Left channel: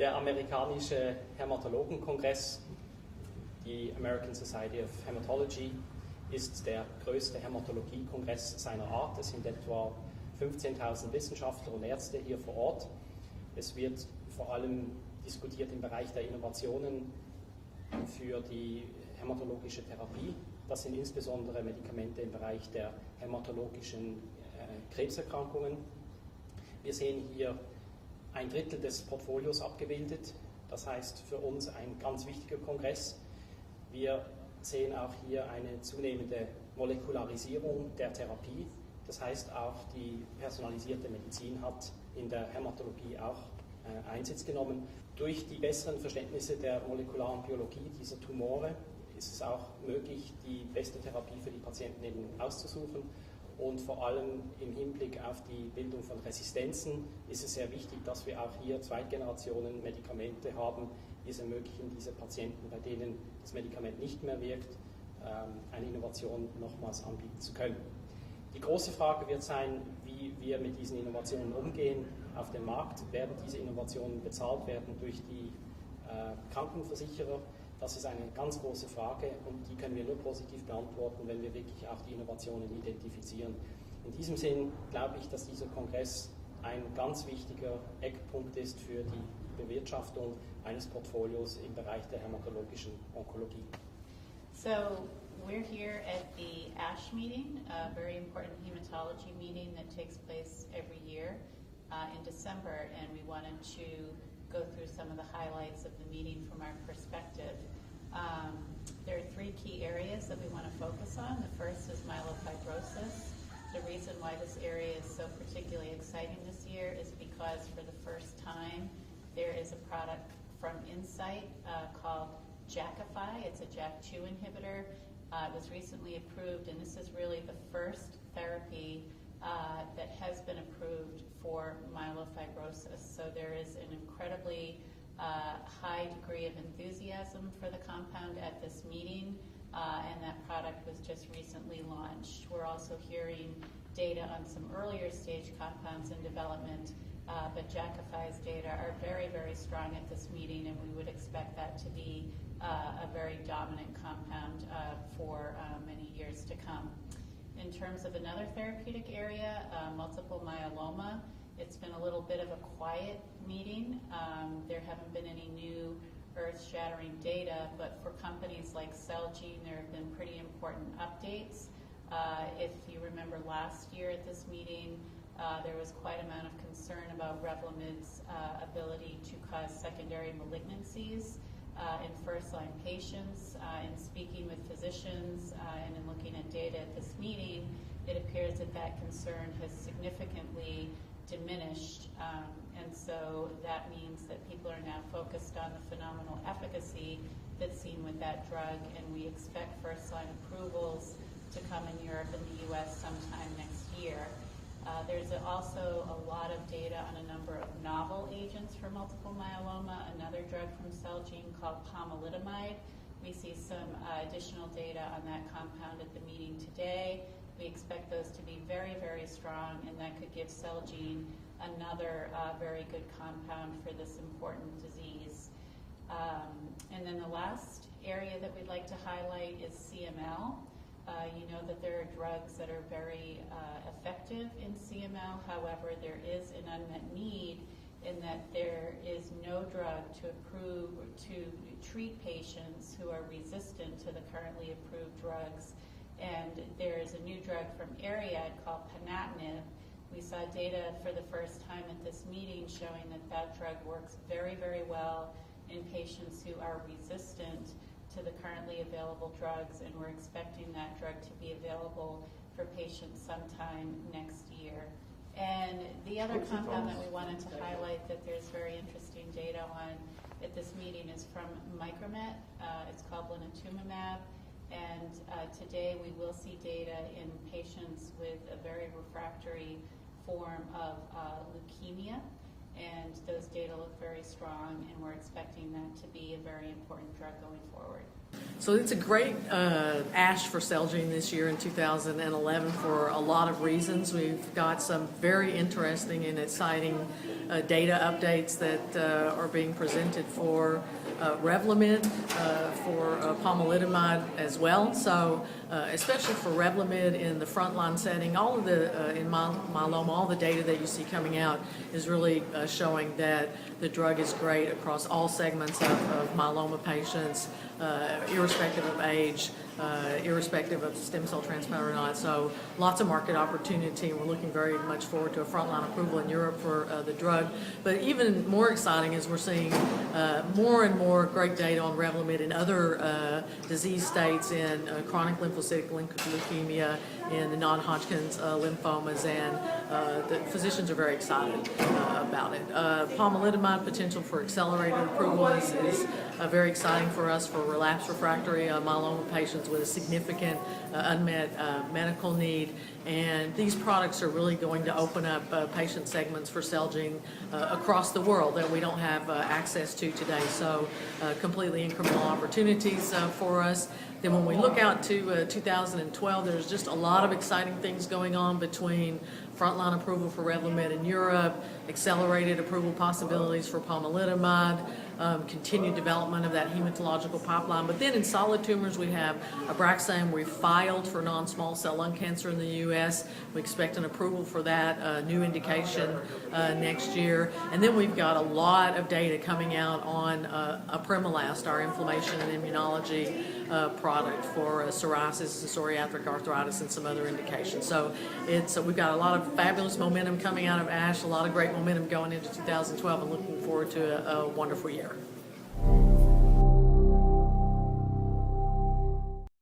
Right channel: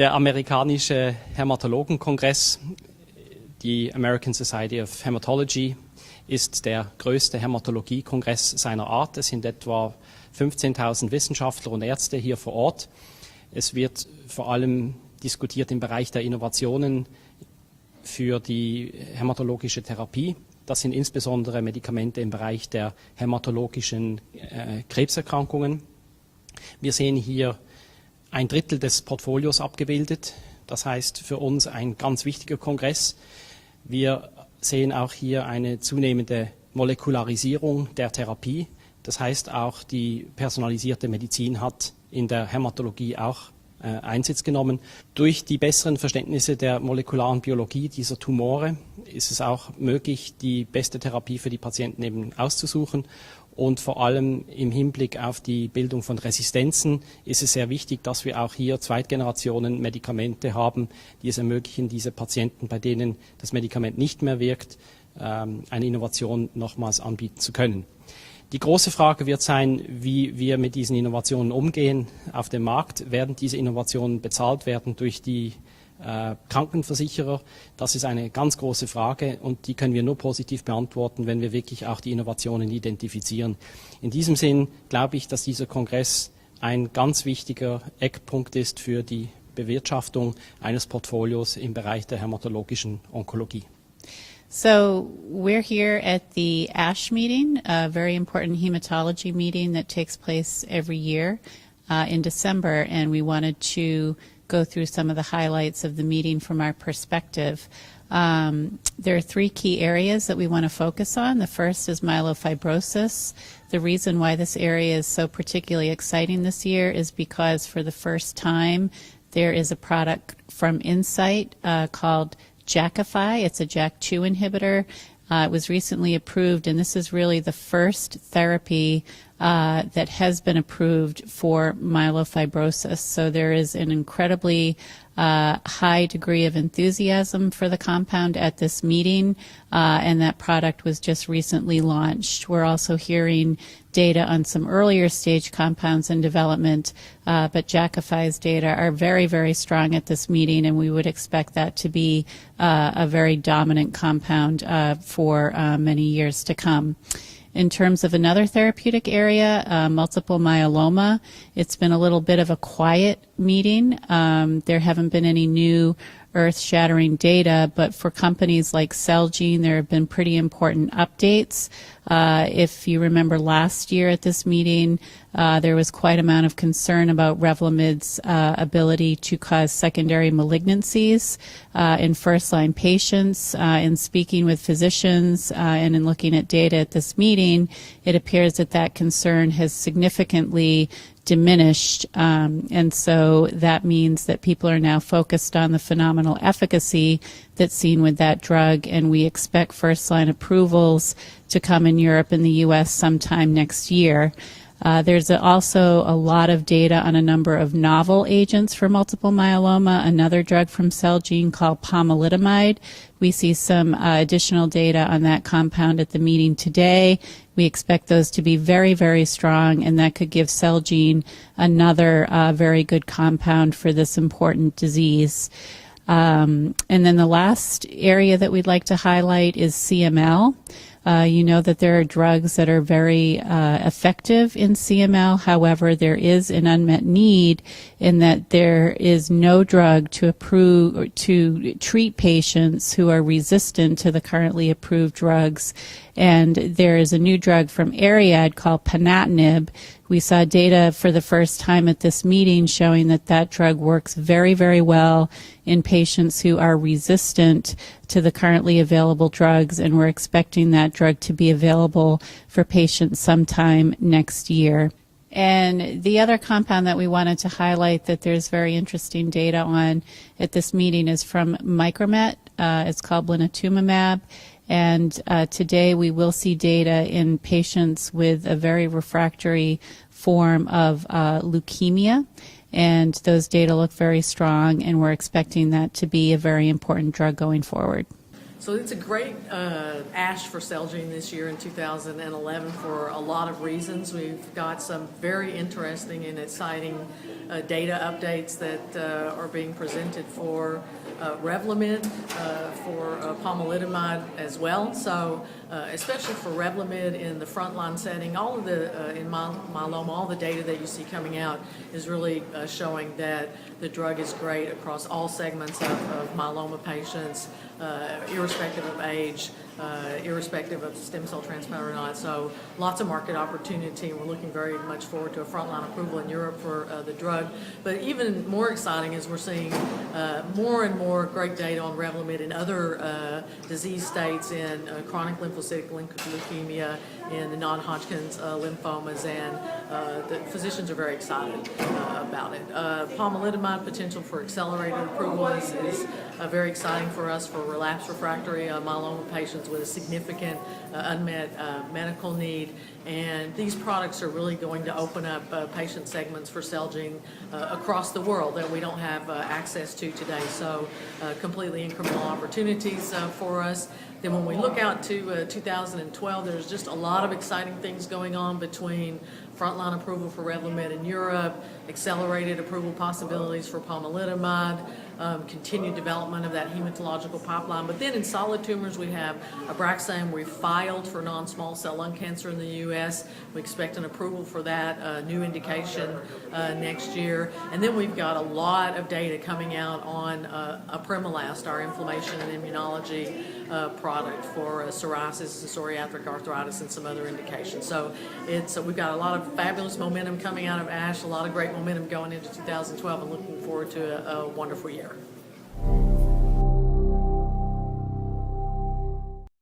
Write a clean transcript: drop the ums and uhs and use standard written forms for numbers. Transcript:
Der amerikanische Hämatologenkongress, die American Society of Hematology, ist der größte Hämatologiekongress seiner Art. Es sind etwa 15.000 Wissenschaftler und Ärzte hier vor Ort. Es wird vor allem diskutiert im Bereich der Innovationen für die hämatologische Therapie. Das sind insbesondere Medikamente im Bereich der hämatologischen Krebserkrankungen. Wir sehen hier ein Drittel des Portfolios abgebildet. Das heißt für uns ein ganz wichtiger Kongress. Wir sehen auch hier eine zunehmende Molekularisierung der Therapie. Das heißt auch die personalisierte Medizin hat in der Hämatologie auch Einsitz genommen. Durch die besseren Verständnisse der molekularen Biologie dieser Tumore ist es auch möglich, die beste Therapie für die Patienten eben auszusuchen. Und vor allem im Hinblick auf die Bildung von Resistenzen ist es sehr wichtig, dass wir auch hier Zweitgenerationen Medikamente haben, die es ermöglichen, diese Patienten, bei denen das Medikament nicht mehr wirkt, eine Innovation nochmals anbieten zu können. Die große Frage wird sein, wie wir mit diesen Innovationen umgehen auf dem Markt. Werden diese Innovationen bezahlt werden durch die Krankenversicherer? Das ist eine ganz große Frage und die können wir nur positiv beantworten, wenn wir wirklich auch die Innovationen identifizieren. In diesem Sinn glaube ich, dass dieser Kongress ein ganz wichtiger Eckpunkt ist für die Bewirtschaftung eines Portfolios im Bereich der hämatologischen Onkologie. So we're here at the ASH meeting, a very important hematology meeting that takes place every year in December, and we wanted to go through some of the highlights of the meeting from our perspective. There are three key areas that we want to focus on. The first is myelofibrosis. The reason why this area is so particularly exciting this year is because for the first time there is a product from Incyte called Jakafi. It's a JAK2 inhibitor. It was recently approved, and this is really the first therapy that has been approved for myelofibrosis. So there is an incredibly high degree of enthusiasm for the compound at this meeting, and that product was just recently launched. We're also hearing data on some earlier stage compounds in development, but Jakafi's data are very, very strong at this meeting, and we would expect that to be a very dominant compound for many years to come. In terms of another therapeutic area, multiple myeloma, it's been a little bit of a quiet meeting. There haven't been any new earth-shattering data, but for companies like Celgene, there have been pretty important updates. If you remember last year at this meeting, there was quite amount of concern about Revlimid's ability to cause secondary malignancies in first-line patients. In speaking with physicians and in looking at data at this meeting, it appears that that concern has significantly diminished, and so that means that people are now focused on the phenomenal efficacy that's seen with that drug, and we expect first-line approvals to come in Europe and the U.S. sometime next year. There's also a lot of data on a number of novel agents for multiple myeloma, another drug from Celgene called pomalidomide. We see some additional data on that compound at the meeting today. We expect those to be very, very strong, and that could give Celgene another very good compound for this important disease. And then the last area that we'd like to highlight is CML. You know that there are drugs that are very effective in CML. However, there is an unmet need in that there is no drug to approve or to treat patients who are resistant to the currently approved drugs. And there is a new drug from Ariad called ponatinib. We saw data for the first time at this meeting showing that that drug works very, very well in patients who are resistant to the currently available drugs, and we're expecting that drug to be available for patients sometime next year. And the other compound that we wanted to highlight that there's very interesting data on at this meeting is from Micromet. It's called blinatumomab. And today we will see data in patients with a very refractory form of leukemia. And those data look very strong, and we're expecting that to be a very important drug going forward. So it's a great ASH for Celgene this year in 2011 for a lot of reasons. We've got some very interesting and exciting data updates that are being presented for Revlimid, for pomalidomide as well. So especially for Revlimid in the frontline setting, all of the in myeloma, all the data that you see coming out is really showing that the drug is great across all segments of myeloma patients, irrespective of age, irrespective of stem cell transplant or not. So lots of market opportunity, and we're looking very much forward to a frontline approval in Europe for the drug. But even more exciting is we're seeing more and more great data on Revlimid in other disease states, in chronic lymphocytic leukemia, in the non-Hodgkin's lymphomas, and the physicians are very excited about it. Pomalidomide potential for accelerated approval is very exciting for us for relapsed refractory myeloma patients with a significant unmet medical need. And these products are really going to open up patient segments for Celgene across the world that we don't have access to today. So completely incremental opportunities for us. Then when we look out to 2012, there's just a lot of exciting things going on between frontline approval for Revlimid in Europe, accelerated approval possibilities for pomalidomide, continued development of that hematological pipeline. But then in solid tumors, we have Abraxane. We filed for non-small cell lung cancer in the U.S. We expect an approval for that new indication next year. And then we've got a lot of data coming out on Apremilast, our inflammation and immunology product for psoriasis and psoriatic arthritis and some other indications. So we've got a lot of fabulous momentum coming out of ASH, a lot of great momentum going into 2012, and looking forward to a wonderful year.